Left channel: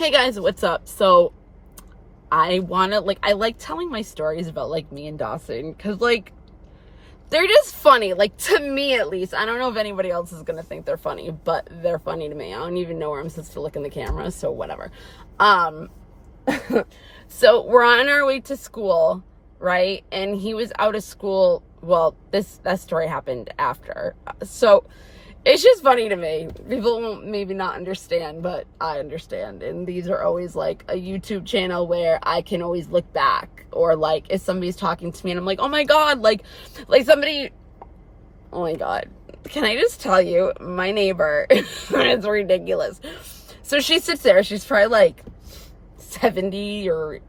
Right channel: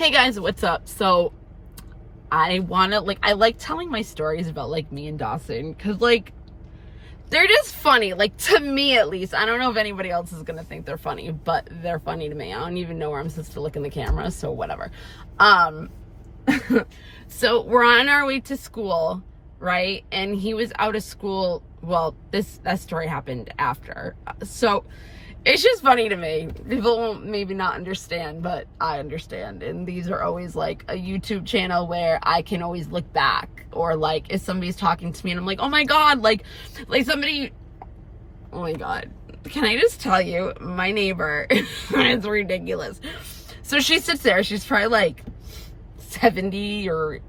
Hey guys, what's up? So I like telling my stories about like me and Dawson because like they're just funny, like to me at least. I don't know if anybody else is gonna think they're funny, but they're funny to me. I don't even know where I'm supposed to look in the camera, so whatever. um so we're on our way to school, right? And he was out of school. Well, that story happened after. So it's just funny to me. People won't maybe not understand, but I understand. And these are always like a YouTube channel where I can always look back, or like if somebody's talking to me and I'm like, oh my God, like somebody, oh my God. Can I just tell you, my neighbor, it's ridiculous. So she sits there, she's probably like 70 or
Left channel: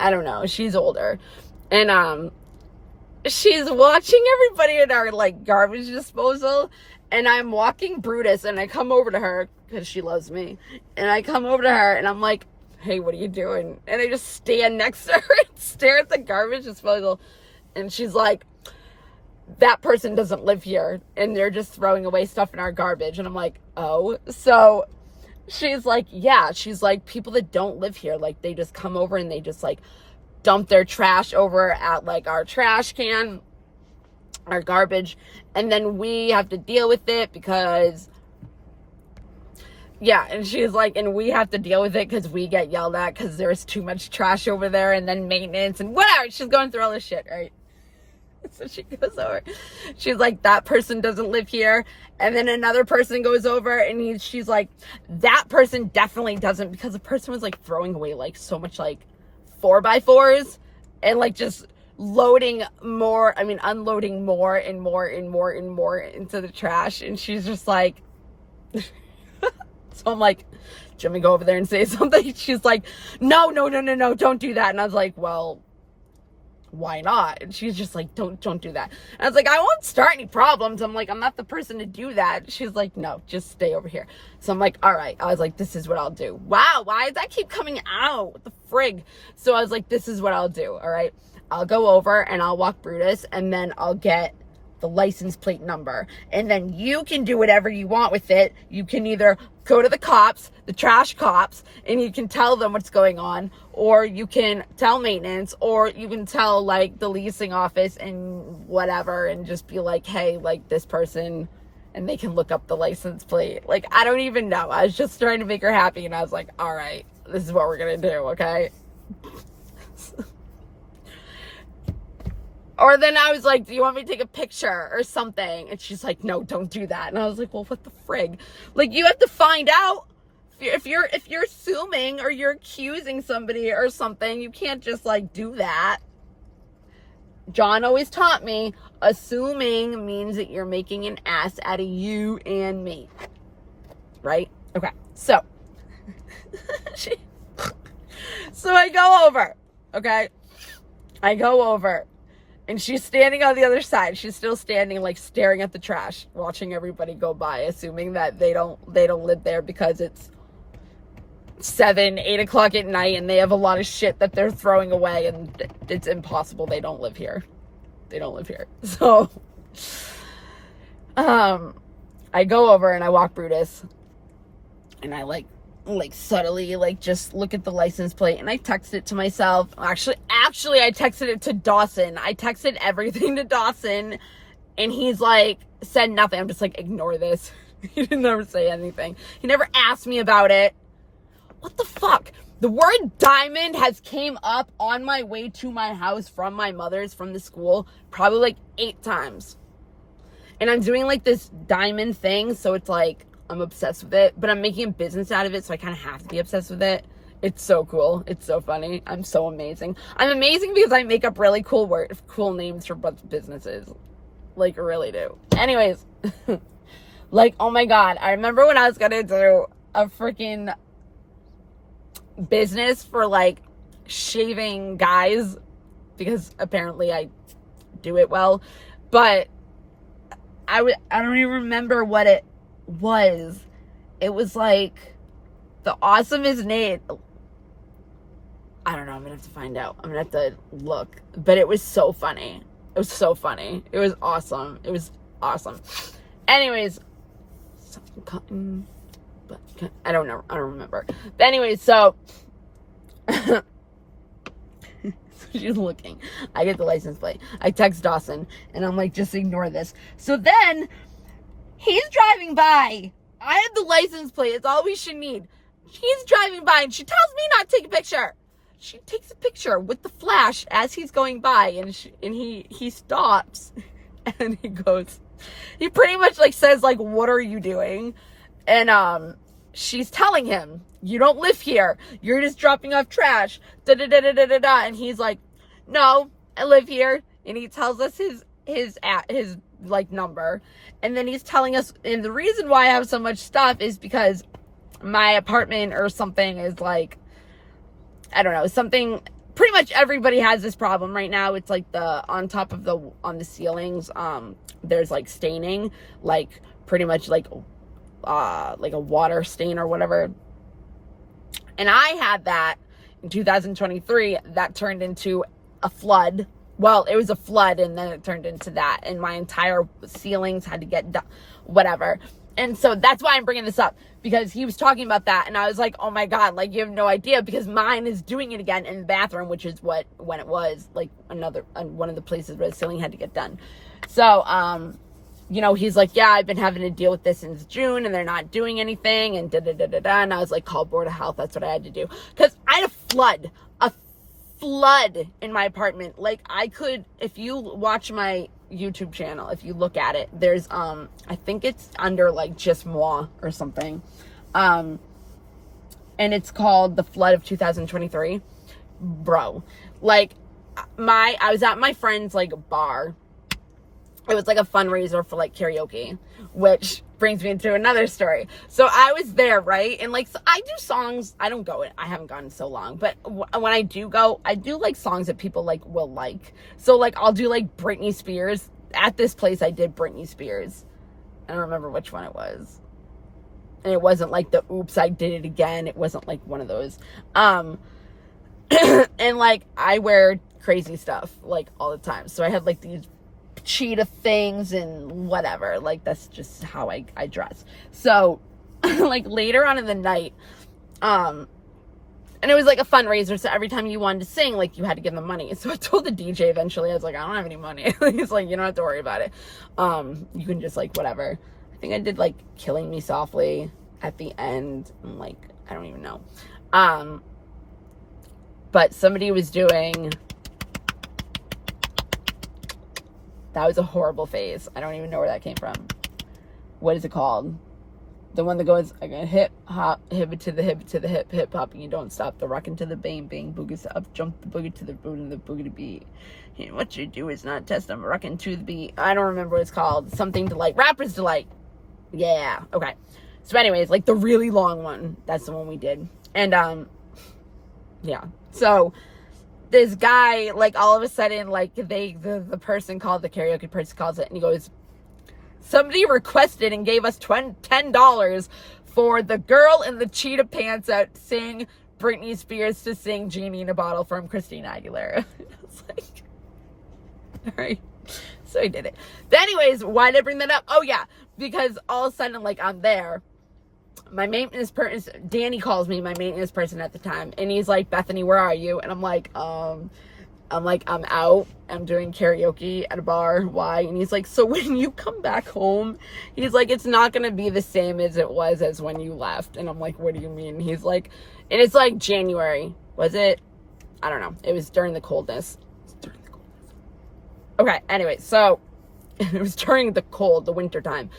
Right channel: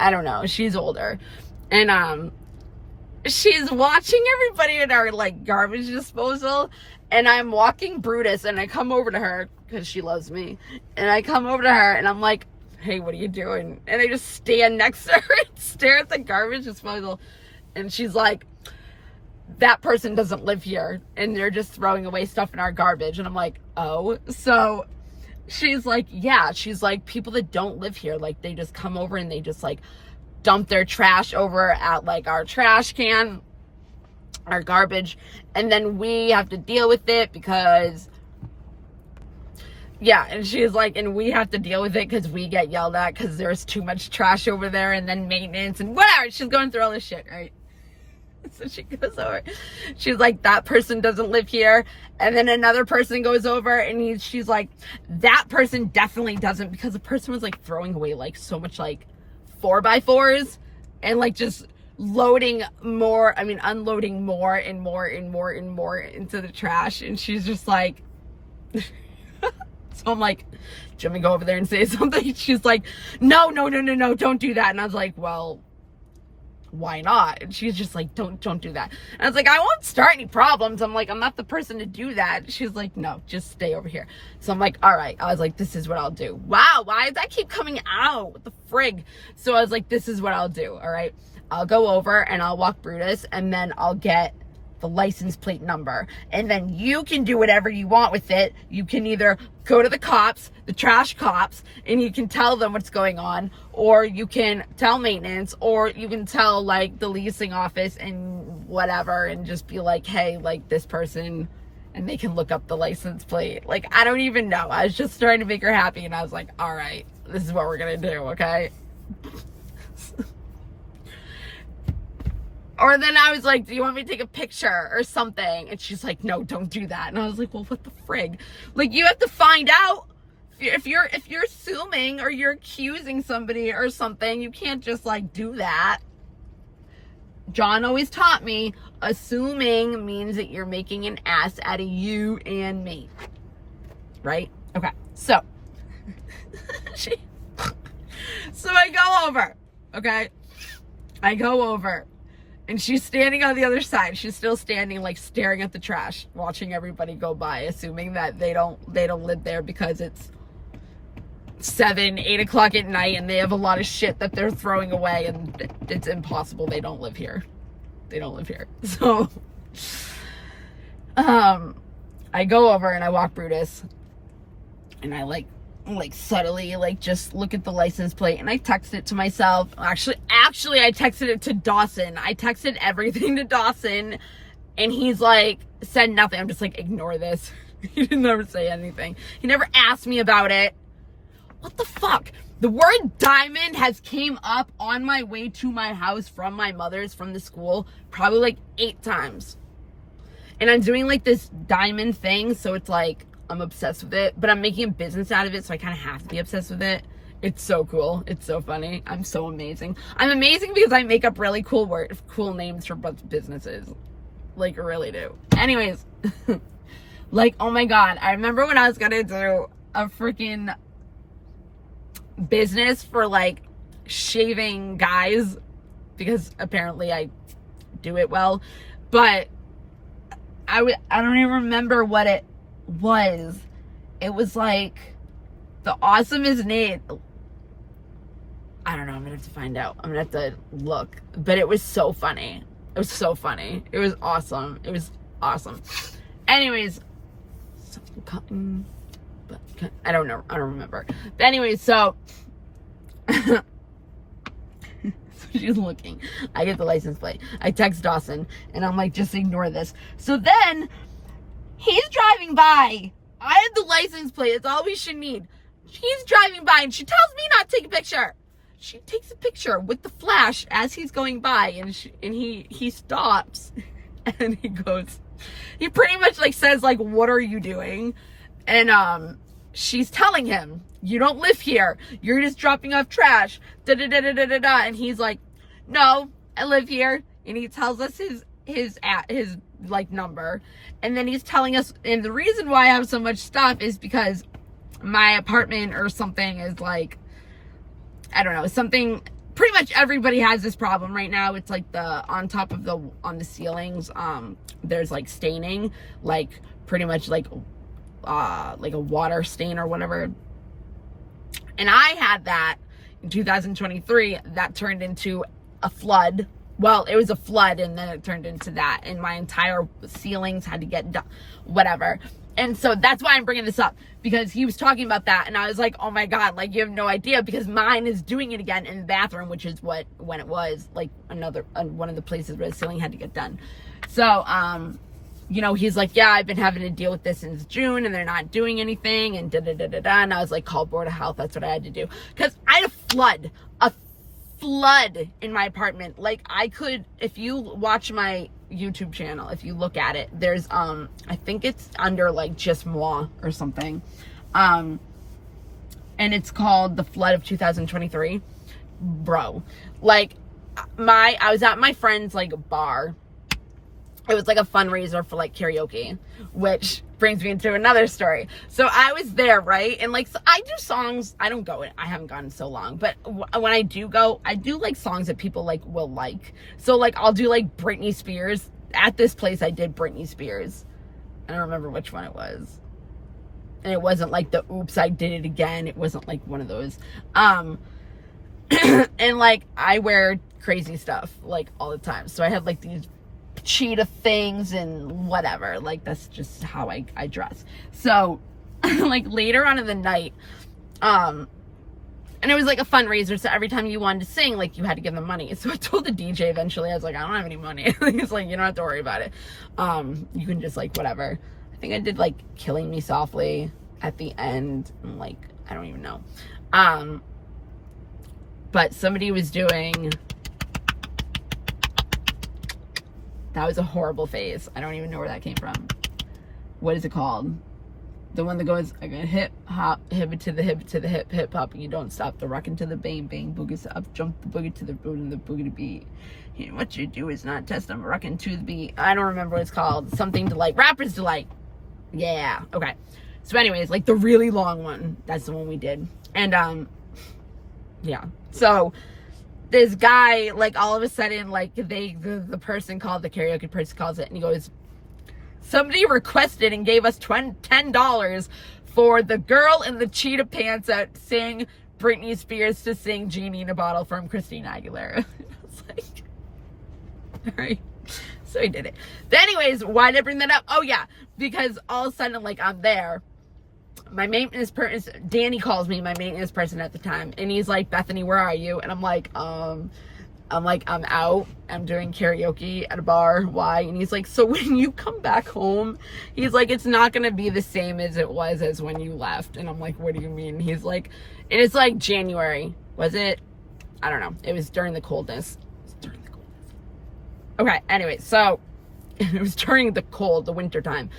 I don't know, she's older. And she's watching everybody at our like garbage disposal, and I'm walking Brutus, and I come over to her because she loves me, and I come over to her and I'm like, hey, what are you doing? And I just stand next to her and stare at the garbage disposal, and she's like, that person doesn't live here and they're just throwing away stuff in our garbage. And I'm like, oh. So she's like, yeah, she's like, people that don't live here, like they just come over and they just like dump their trash over at like our trash can, our garbage, and then we have to deal with it because, yeah. And she's like, and we have to deal with it because we get yelled at because there's too much trash over there, and then maintenance and whatever. She's going through all this shit, right? So she goes over, she's like, that person doesn't live here. And then another person goes over and she's like, that person definitely doesn't, because the person was like throwing away like so much like 4x4s and like just unloading more and more and more into the trash. And she's just like, so I'm like, do you want me to go over there and say something? She's like, no, don't do that. And I was like, well, why not? And she's just like, don't do that. And I was like, I won't start any problems. I'm like, I'm not the person to do that. She's like, no, just stay over here. So I'm like, all right. I was like, this is what I'll do. Wow, why does that keep coming out? What the frig? So I was like, this is what I'll do. All right, I'll go over and I'll walk Brutus, and then I'll get the license plate number, and then you can do whatever you want with it. You can either go to the cops, the trash cops, and you can tell them what's going on, or you can tell maintenance, or you can tell like the leasing office and whatever, and just be like, hey, like this person, and they can look up the license plate. Like, I don't even know. I was just trying to make her happy, and I was like, all right, this is what we're gonna do, okay? Or then I was like, do you want me to take a picture or something? And she's like, no, don't do that. And I was like, well, what the frig? Like, you have to find out. If you're assuming or you're accusing somebody or something, you can't just like do that. John always taught me, assuming means that you're making an ass out of you and me. Right? Okay. So, so I go over. Okay? I go over. And she's standing on the other side. She's still standing, like staring at the trash, watching everybody go by, assuming that they don't live there because it's 7, 8 o'clock at night and they have a lot of shit that they're throwing away, and it's impossible. They don't live here. They don't live here. So, I go over and I walk Brutus, and I like subtly like just look at the license plate, and I text it to myself. Actually I texted it to Dawson. I texted everything to Dawson, and he's like, said nothing. I'm just like, ignore this. He didn't ever say anything. He never asked me about it. What the fuck? The word diamond has came up on my way to my house from my mother's, from the school, probably like 8 times. And I'm doing like this diamond thing, so it's like, I'm obsessed with it, but I'm making a business out of it, so I kind of have to be obsessed with it. It's so cool. It's so funny. I'm so amazing. I'm amazing because I make up really cool names for businesses. Like, I really do. Anyways, like, oh my God. I remember when I was gonna do a freaking business for like shaving guys, because apparently I do it well, but I don't even remember what it was. It was like the awesomest name. I don't know. I'm gonna have to find out. I'm gonna have to look. But it was so funny. It was so funny. It was awesome. It was awesome. Anyways, cotton, but I don't know. I don't remember. But anyway, so she's looking. I get the license plate. I text Dawson and I'm like, just ignore this. So then he's driving by. I have the license plate. It's all we should need. He's driving by and she tells me not to take a picture. She takes a picture with the flash as he's going by, and he stops and he pretty much like says like, what are you doing? And she's telling him, you don't live here. You're just dropping off trash. Da da da da da da da. And he's like, no, I live here. And he tells us his like number. And then he's telling us, and the reason why I have so much stuff is because my apartment or something is like, I don't know, something, pretty much everybody has this problem right now. It's like on the ceilings, there's like staining, like pretty much like a water stain or whatever. And I had that in 2023 that turned into a flood. Well, it was a flood and then it turned into that, and my entire ceilings had to get done, whatever. And so that's why I'm bringing this up, because he was talking about that and I was like, oh my God, like you have no idea, because mine is doing it again in the bathroom, which is when it was like one of the places where the ceiling had to get done. So, you know, he's like, yeah, I've been having to deal with this since June and they're not doing anything and da da da da da. And I was like, call Board of Health. That's what I had to do, because I had a flood in my apartment. Like I could, if you watch my YouTube channel, if you look at it, there's I think it's under like Just Moi or something, and it's called The Flood of 2023. Bro, like I was at my friend's like bar. It was like a fundraiser for like karaoke, which brings me into another story. So I was there, right? And like, so I do songs. I don't go. I haven't gone in so long, but when I do go, I do like songs that people like will like. So like, I'll do like Britney Spears. At this place, I did Britney Spears. I don't remember which one it was. And it wasn't like the oops, I did it again. It wasn't like one of those. And like, I wear crazy stuff like all the time. So I had like these cheetah things and whatever, like that's just how I dress. So like later on in the night, and it was like a fundraiser, so every time you wanted to sing, like you had to give them money. So I told the DJ eventually, I was like, I don't have any money. He's like, you don't have to worry about it, you can just like whatever. I think I did like Killing Me Softly at the end. I'm like, I don't even know. But somebody was doing, that was a horrible face. I don't even know where that came from. What is it called? The one that goes, I go hip hop, hip to the hip to the hip, hip hop, and you don't stop. The rockin' to the bang bang, boogie up, jump the boogie to the boot and the boogie to beat. You know, what you do is not test them, rockin' to the beat. I don't remember what it's called. Something Delight. Rapper's Delight. Yeah. Okay. So anyways, like the really long one. That's the one we did. And yeah. So this guy, like all of a sudden, like the person called, the karaoke person calls it, and he goes, somebody requested and gave us $10 for the girl in the cheetah pants that sang Britney Spears to sing Genie in a Bottle from Christina Aguilera. I was like, all right. So he did it. But anyways, why did I bring that up? Oh yeah, because all of a sudden, like I'm there. My maintenance person, Danny calls me, my maintenance person at the time, and he's like, Bethany, where are you? And I'm like, I'm out. I'm doing karaoke at a bar. Why? And he's like, so when you come back home, he's like, it's not going to be the same as it was as when you left. And I'm like, what do you mean? He's like, and it's like January. Was it? I don't know. It was during the coldness. Okay. Anyway, so it was during the winter time.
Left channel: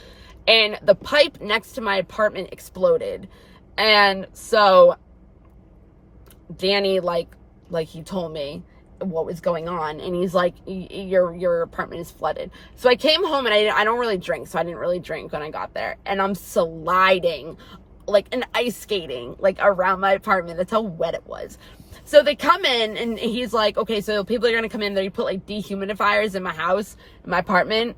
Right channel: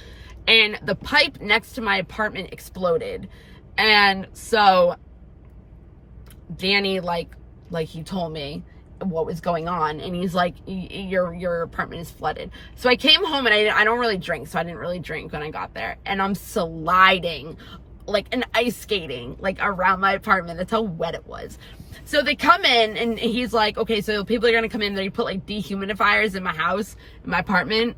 And the pipe next to my apartment exploded. And so Danny, like he told me what was going on, and he's like, your apartment is flooded. So I came home, and I don't really drink, so I didn't really drink when I got there, and I'm sliding like an ice skating like around my apartment. That's how wet it was. So they come in, and he's like, okay, so people are gonna come in there. You put like dehumidifiers in my house, in my apartment.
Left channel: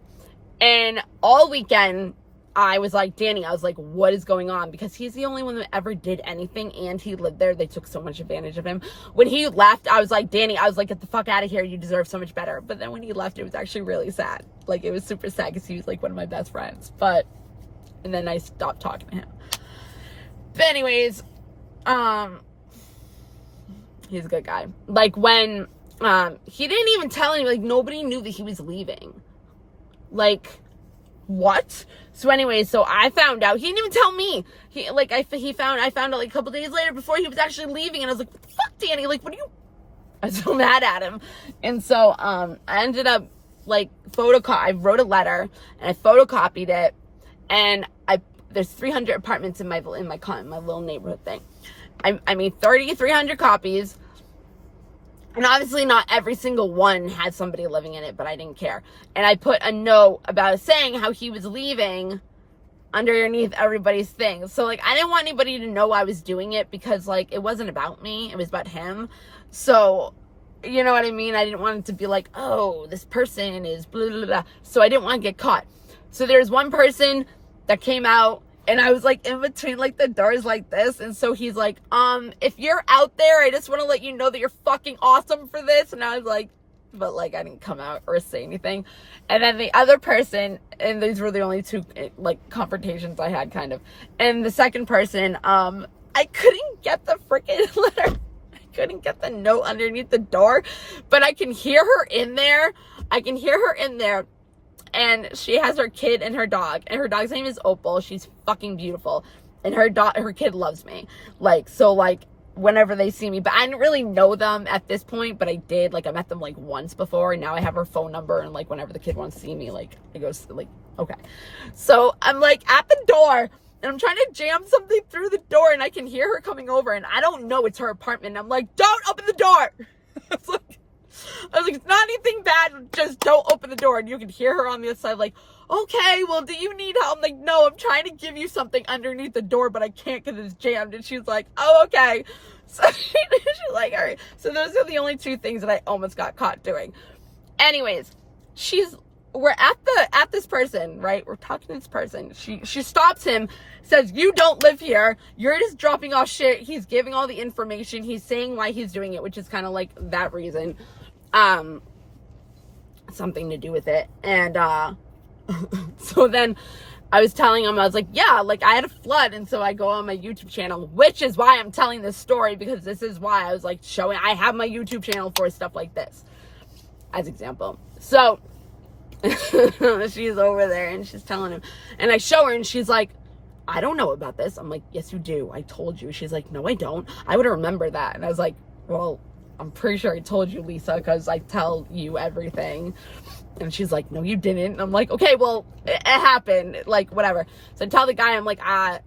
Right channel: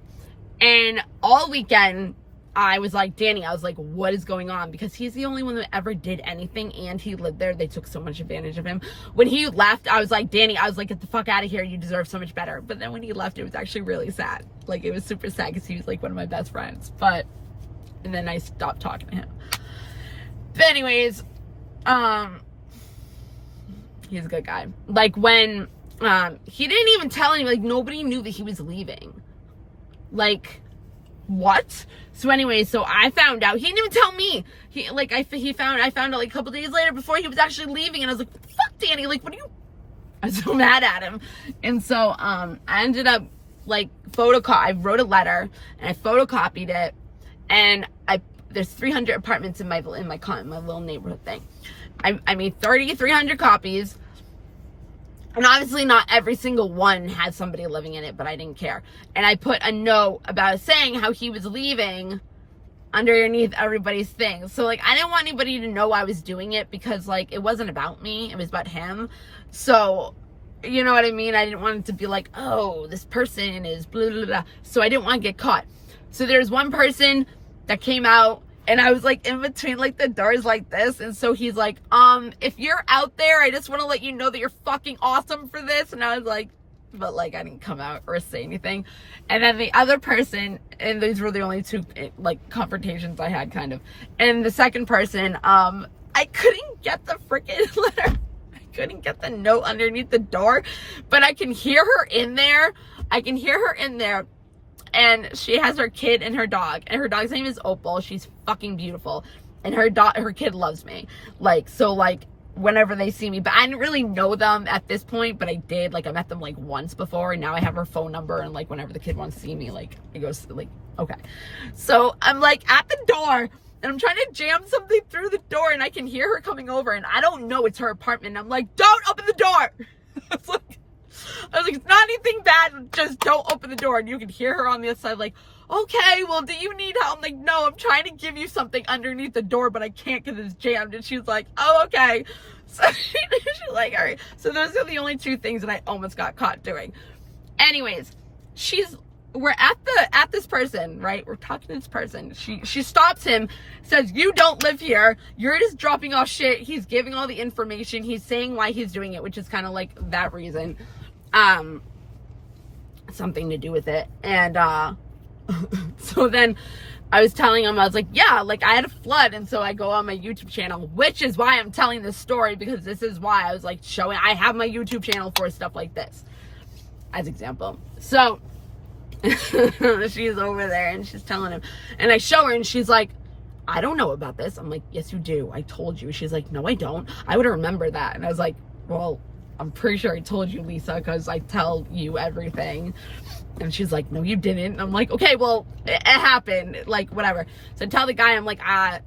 And all weekend I was like, Danny, I was like, what is going on? Because he's the only one that ever did anything, and he lived there. They took so much advantage of him. When he left, I was like, Danny, I was like, get the fuck out of here. You deserve so much better. But then when he left, it was actually really sad. Like, it was super sad because he was like one of my best friends. And then I stopped talking to him. But anyways, he's a good guy. Like, when he didn't even tell anyone, like, nobody knew that he was leaving. Like, what? So anyway, so I found out. He didn't even tell me. I found out like a couple days later before he was actually leaving, and I was like, what the fuck, Danny? Like, what are you? I was so mad at him. And so I ended up like I wrote a letter and I photocopied it, and there's 300 apartments in my little neighborhood thing. I made 300 copies. And obviously not every single one had somebody living in it, but I didn't care. And I put a note about saying how he was leaving underneath everybody's things. So, like, I didn't want anybody to know I was doing it because, like, it wasn't about me. It was about him. So, you know what I mean? I didn't want it to be like, oh, this person is blah, blah, blah. So I didn't want to get caught. So there's one person that came out, and I was like in between like the doors like this. And so he's like, if you're out there, I just want to let you know that you're fucking awesome for this. And I was like, but like, I didn't come out or say anything. And then the other person, and these were the only two like confrontations I had kind of. And the second person, I couldn't get the freaking letter. I couldn't get the note underneath the door, but I can hear her in there. And she has her kid and her dog. And her dog's name is Opal. She's fucking beautiful. And her kid loves me. Like, so like, whenever they see me. But I didn't really know them at this point. But I did. Like, I met them like once before. And now I have her phone number. And like, whenever the kid wants to see me, like, it goes like, okay. So I'm like at the door. And I'm trying to jam something through the door. And I can hear her coming over. And I don't know it's her apartment. And I'm like, don't open the door. I was like, it's not anything bad, just don't open the door. And you can hear her on the other side, like, okay, well, do you need help? I'm like, no, I'm trying to give you something underneath the door, but I can't because it's jammed. And she's like, oh, okay. So she's like, all right. So those are the only two things that I almost got caught doing. Anyways, we're at this person, right? We're talking to this person. She stops him, says, you don't live here. You're just dropping off shit. He's giving all the information. He's saying why he's doing it, which is kind of like that reason. Something to do with it. And so then I was telling him, I was like, yeah, like I had a flood. And so I go on my YouTube channel, which is why I'm telling this story, because this is why I was like I have my YouTube channel for stuff like this as example. So she's over there and she's telling him, and I show her and she's like, I don't know about this. I'm like, yes, you do. I told you. She's like, no, I don't. I would remember that. And I was like, well, I'm pretty sure I told you, Lisa, because I tell you everything. And she's like, no, you didn't. And I'm like, okay, well, it happened. Like, whatever. So I tell the guy, I'm like, I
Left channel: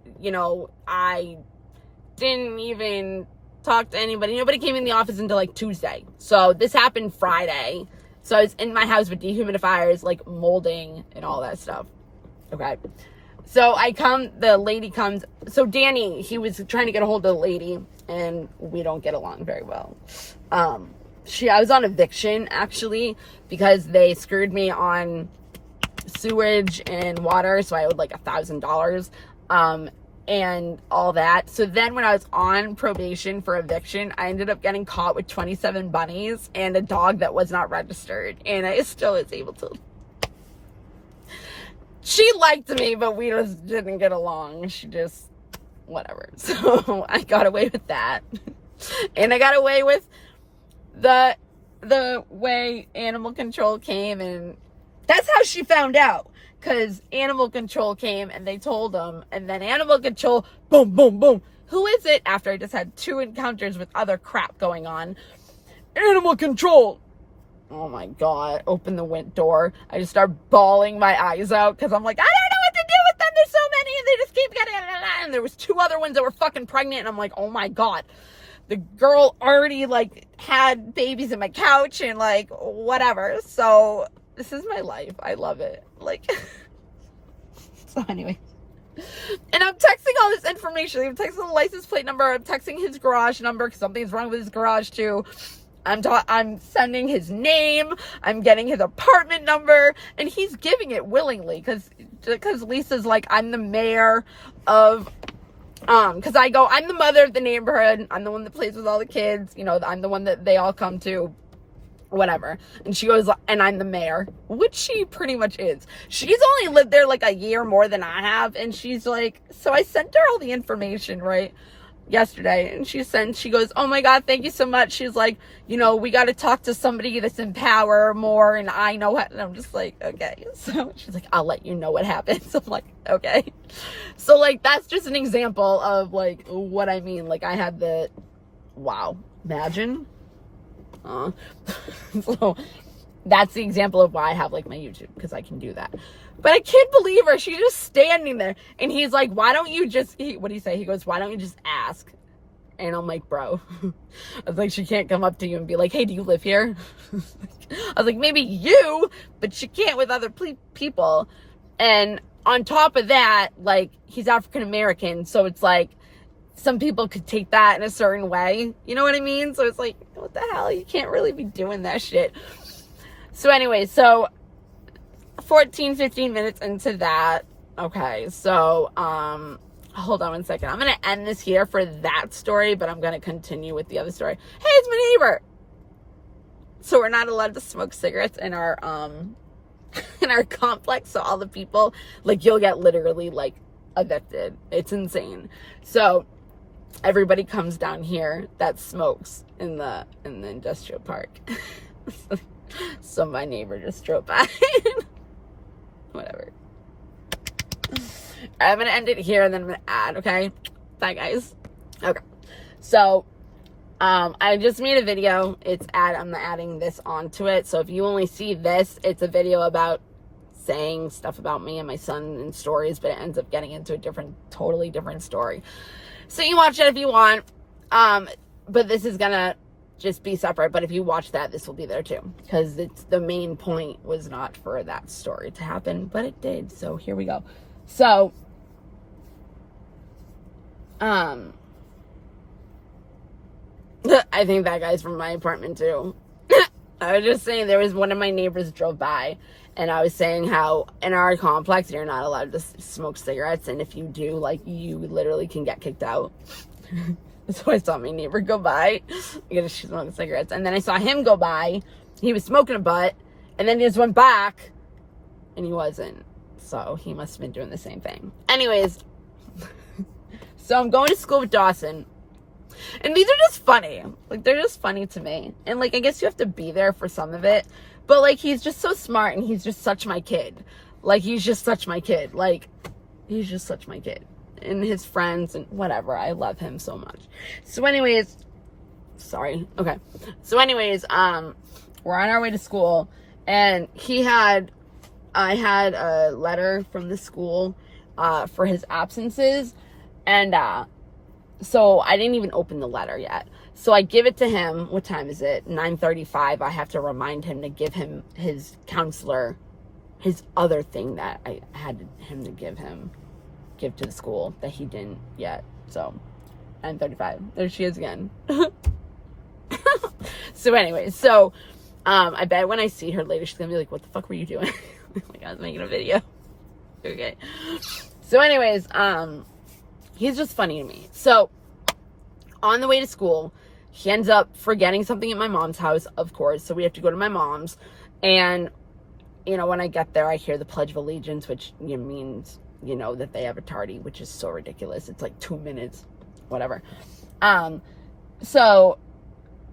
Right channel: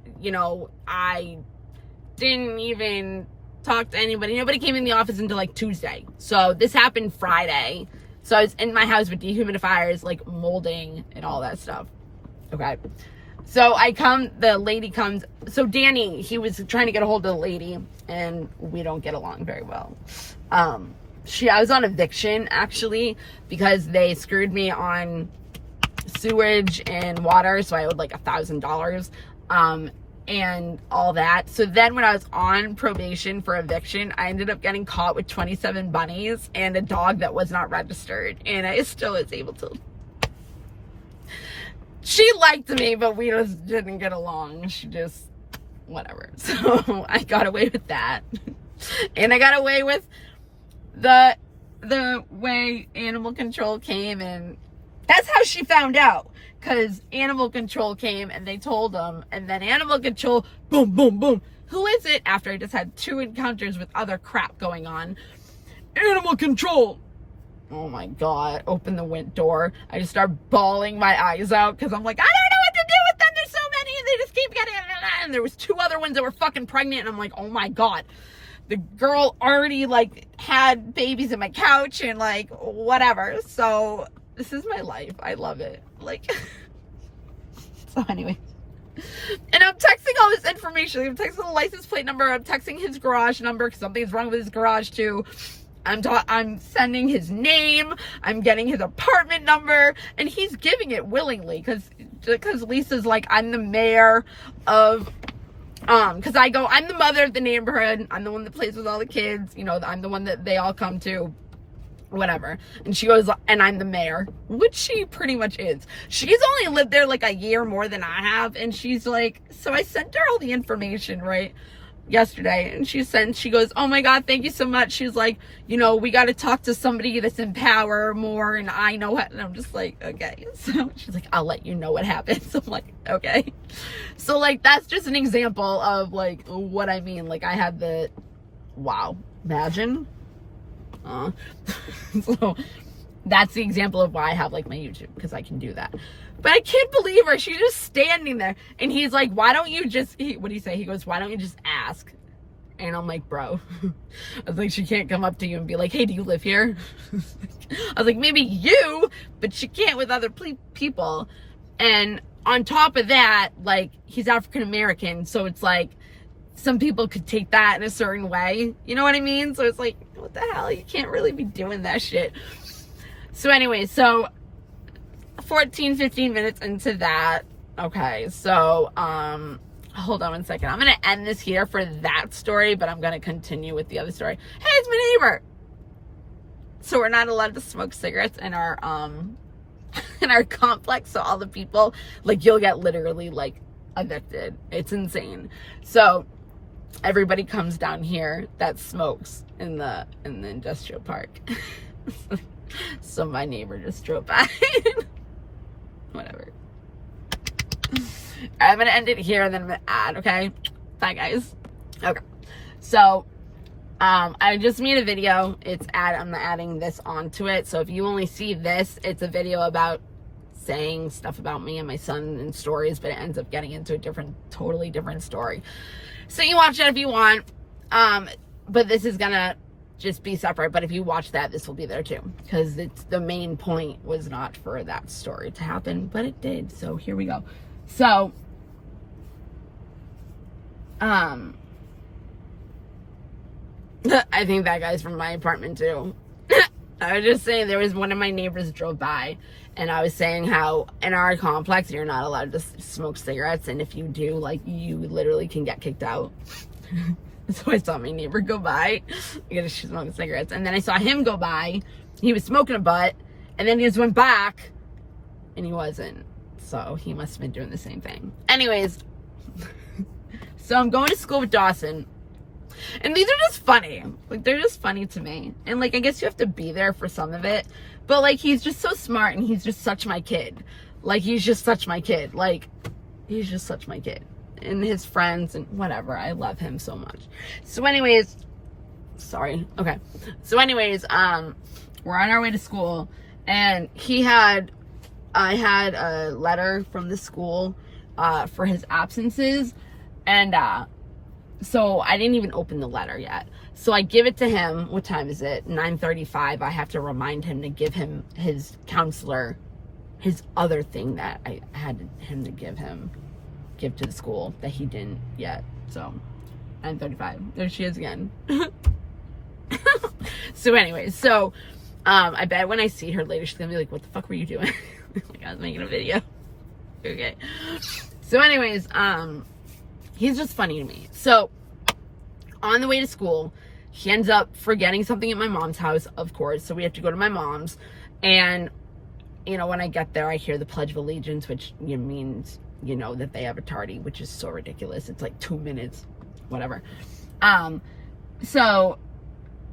didn't even talk to anybody. Nobody came in the office until like Tuesday. So this happened Friday. So I was in my house with dehumidifiers, like molding and all that stuff. Okay. So the lady comes. So Danny, he was trying to get a hold of the lady, and we don't get along very well. I was on eviction actually because they screwed me on sewage and water. So I owed like $1,000, and all that. So then when I was on probation for eviction, I ended up getting caught with 27 bunnies and a dog that was not registered. And I still was able to. She liked me, but we just didn't get along. She just, whatever. So I got away with that. And I got away with the way animal control came, and that's how she found out. Because animal control came and they told them, and then animal control, boom, boom, boom. Who is it? After I just had 2 encounters with other crap going on. Animal control. Oh my God. Open the door. I just start bawling my eyes out because I'm like, I don't know what to do with them. There's so many and they just keep getting it. And there was 2 other ones that were fucking pregnant. And I'm like, oh my God. The girl already like had babies in my couch and like whatever. So this is my life. I love it. Like, so anyway. And I'm texting all this information. I'm texting the license plate number. I'm texting his garage number because something's wrong with his garage too. I'm sending his name. I'm getting his apartment number, and he's giving it willingly because Lisa's like, I'm the mayor of, because I go, I'm the mother of the neighborhood. I'm the one that plays with all the kids. You know, I'm the one that they all come to. whatever. And she goes, and I'm the mayor, which she pretty much is. She's only lived there like a year more than I have. And she's like, so I sent her all the information, right, yesterday. And she goes, oh my God, thank you so much. She's like, you know, we got to talk to somebody that's in power more. And I know what, and I'm just like, okay. So she's like, I'll let you know what happens. I'm like, okay. So like, that's just an example of like what I mean. Like I had the, wow, imagine. So that's the example of why I have like my YouTube, because I can do that. But I can't believe her. She's just standing there. And he's like, why don't you just, what do you say? He goes, why don't you just ask? And I'm like, bro. I was like, she can't come up to you and be like, hey, do you live here? I was like, maybe you, but she can't with other people. And on top of that, like, he's African American. So it's like, some people could take that in a certain way. You know what I mean? So it's like, what the hell? You can't really be doing that shit. So anyway, so 14, 15 minutes into that. Okay, so, hold on one second. I'm going to end this here for that story, but I'm going to continue with the other story. Hey, it's my neighbor. So we're not allowed to smoke cigarettes in our complex. So all the people, like, you'll get literally, like, evicted. It's insane. So everybody comes down here that smokes in the industrial park. So my neighbor just drove by. Whatever. I'm gonna end it here and then I'm gonna add, okay? Bye guys. Okay. So I just made a video. I'm adding this onto it. So if you only see this, it's a video about saying stuff about me and my son and stories, but it ends up getting into a totally different story. So you watch it if you want. But this is gonna just be separate. But if you watch that, this will be there too, because the main point was not for that story to happen, but it did. So here we go. So I think that guy's from my apartment too. I was just saying, there was one of my neighbors drove by, and I was saying how in our complex you're not allowed to smoke cigarettes, and if you do, like, you literally can get kicked out. So I saw my neighbor go by because she's smoking cigarettes, and then I saw him go by. He was smoking a butt, and then he just went back, and he wasn't. So he must have been doing the same thing. Anyways, so I'm going to school with Dawson. And these are just funny. Like, they're just funny to me. And, like, I guess you have to be there for some of it. But, like, he's just so smart, and he's just such my kid. Like, he's just such my kid. Like, he's just such my kid. And his friends and whatever. I love him so much. So, anyways, sorry. Okay. So, anyways, we're on our way to school. And I had a letter from the school for his absences. And, so I didn't even open the letter yet. So I give it to him. What time is it? 9:35. I have to remind him to give him his counselor, his other thing that I had him to give to the school that he didn't yet. So 9:35. There she is again. So anyways, I bet when I see her later, she's gonna be like, what the fuck were you doing? Like, I was making a video. Okay. So anyways, he's just funny to me. So, on the way to school, he ends up forgetting something at my mom's house, of course. So, we have to go to my mom's. And, you know, when I get there, I hear the Pledge of Allegiance, which means, you know, that they have a tardy, which is so ridiculous. It's like 2 minutes, whatever. So,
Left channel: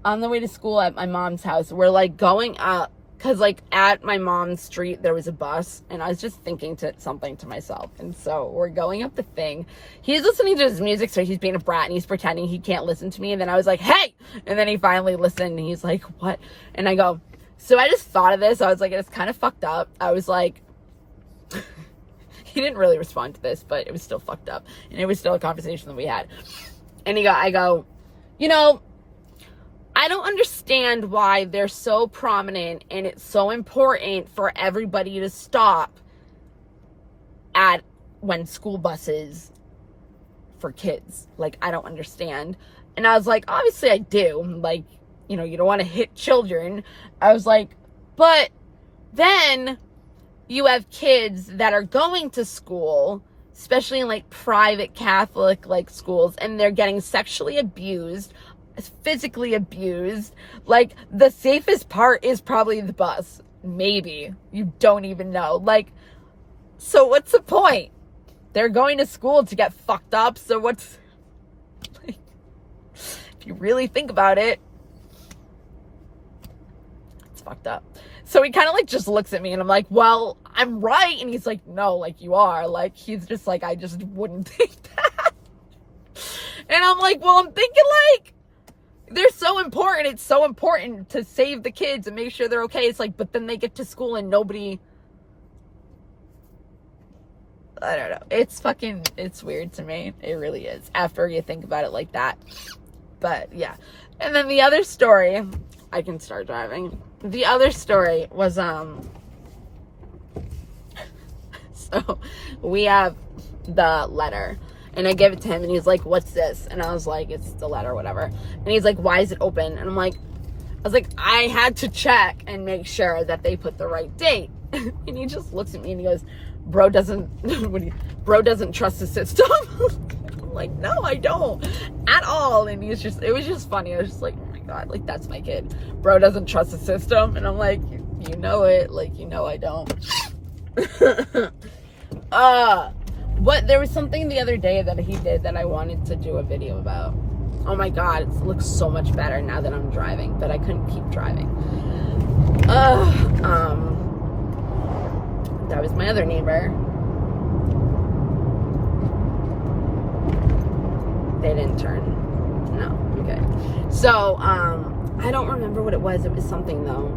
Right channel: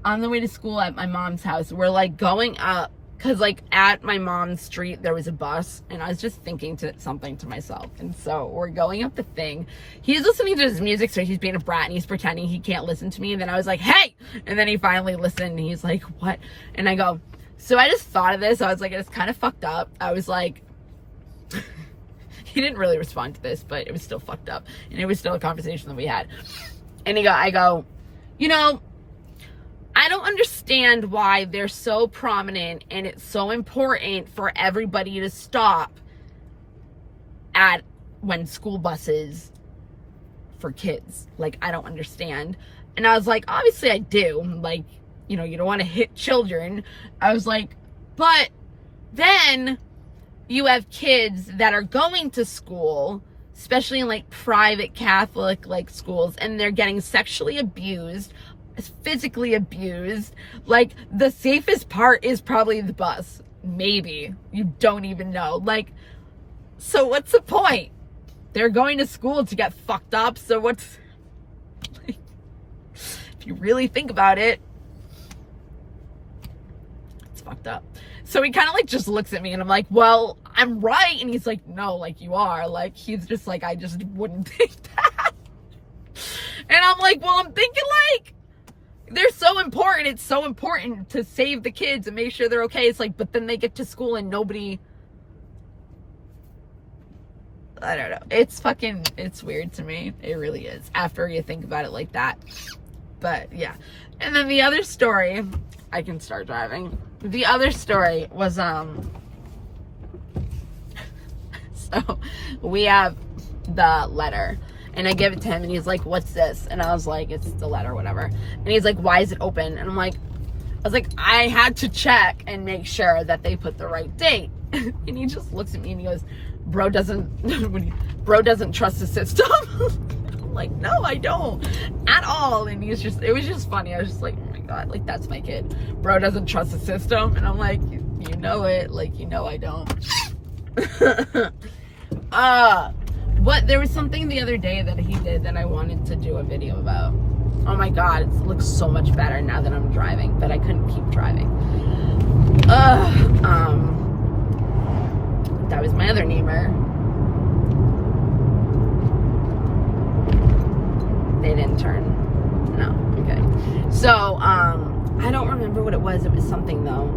on the way to school at my mom's house, we're, like, going up. Because, like, at my mom's street, there was a bus, and I was just thinking something to myself. And so we're going up the thing. He's listening to his music, so he's being a brat, and he's pretending he can't listen to me. And then I was like, hey! And then he finally listened, and he's like, what? And I go, so I just thought of this. I was like, it's kind of fucked up. I was like, he didn't really respond to this, but it was still fucked up. And it was still a conversation that we had. And I go, you know, I don't understand why they're so prominent and it's so important for everybody to stop when school buses for kids. Like, I don't understand. And I was like, obviously I do. Like, you know, you don't want to hit children. I was like, but then you have kids that are going to school, especially in like private Catholic like schools, and they're getting sexually abused, is physically abused. Like, the safest part is probably the bus. Maybe. You don't even know. Like, so what's the point? They're going to school to get fucked up, so what's... Like, if you really think about it, it's fucked up. So he kind of like just looks at me and I'm like, well, I'm right. And he's like, no, like you are. Like, he's just like, I just wouldn't think that. And I'm like, well, I'm thinking like, they're so important. It's so important to save the kids and make sure they're okay. It's like, but then they get to school and nobody, I don't know. It's weird to me. It really is. After you think about it like that. But yeah. And then the other story, I can start driving. The other story was, so we have the letter and I give it to him and he's like, what's this? And I was like, it's the letter, whatever. And he's like, why is it open? And I was like, I had to check and make sure that they put the right date. And he just looks at me and he goes, bro doesn't trust the system. I'm like, no, I don't at all. And it was just funny. I was just like, oh my God, like that's my kid. Bro doesn't trust the system. And I'm like, you know it, like, you know, I don't. But there was something the other day that he did that I wanted to do a video about. Oh my God, it looks so much better now that I'm driving, but I couldn't keep driving. That was my other neighbor. They didn't turn. No, okay. So, I don't remember what it was. It was something though.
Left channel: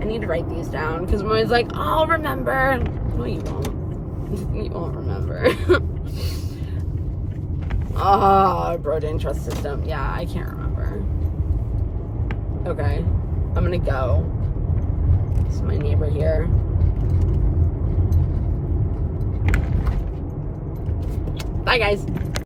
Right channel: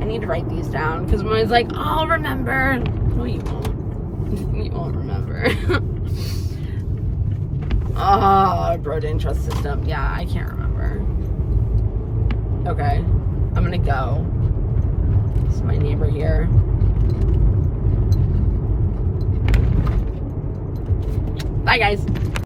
I need to write these down because I'm always like, I'll remember. No, you won't. You won't remember. Oh, bro didn't trust the system. Yeah, I can't remember. Okay, I'm gonna go. This is my neighbor here. Bye, guys.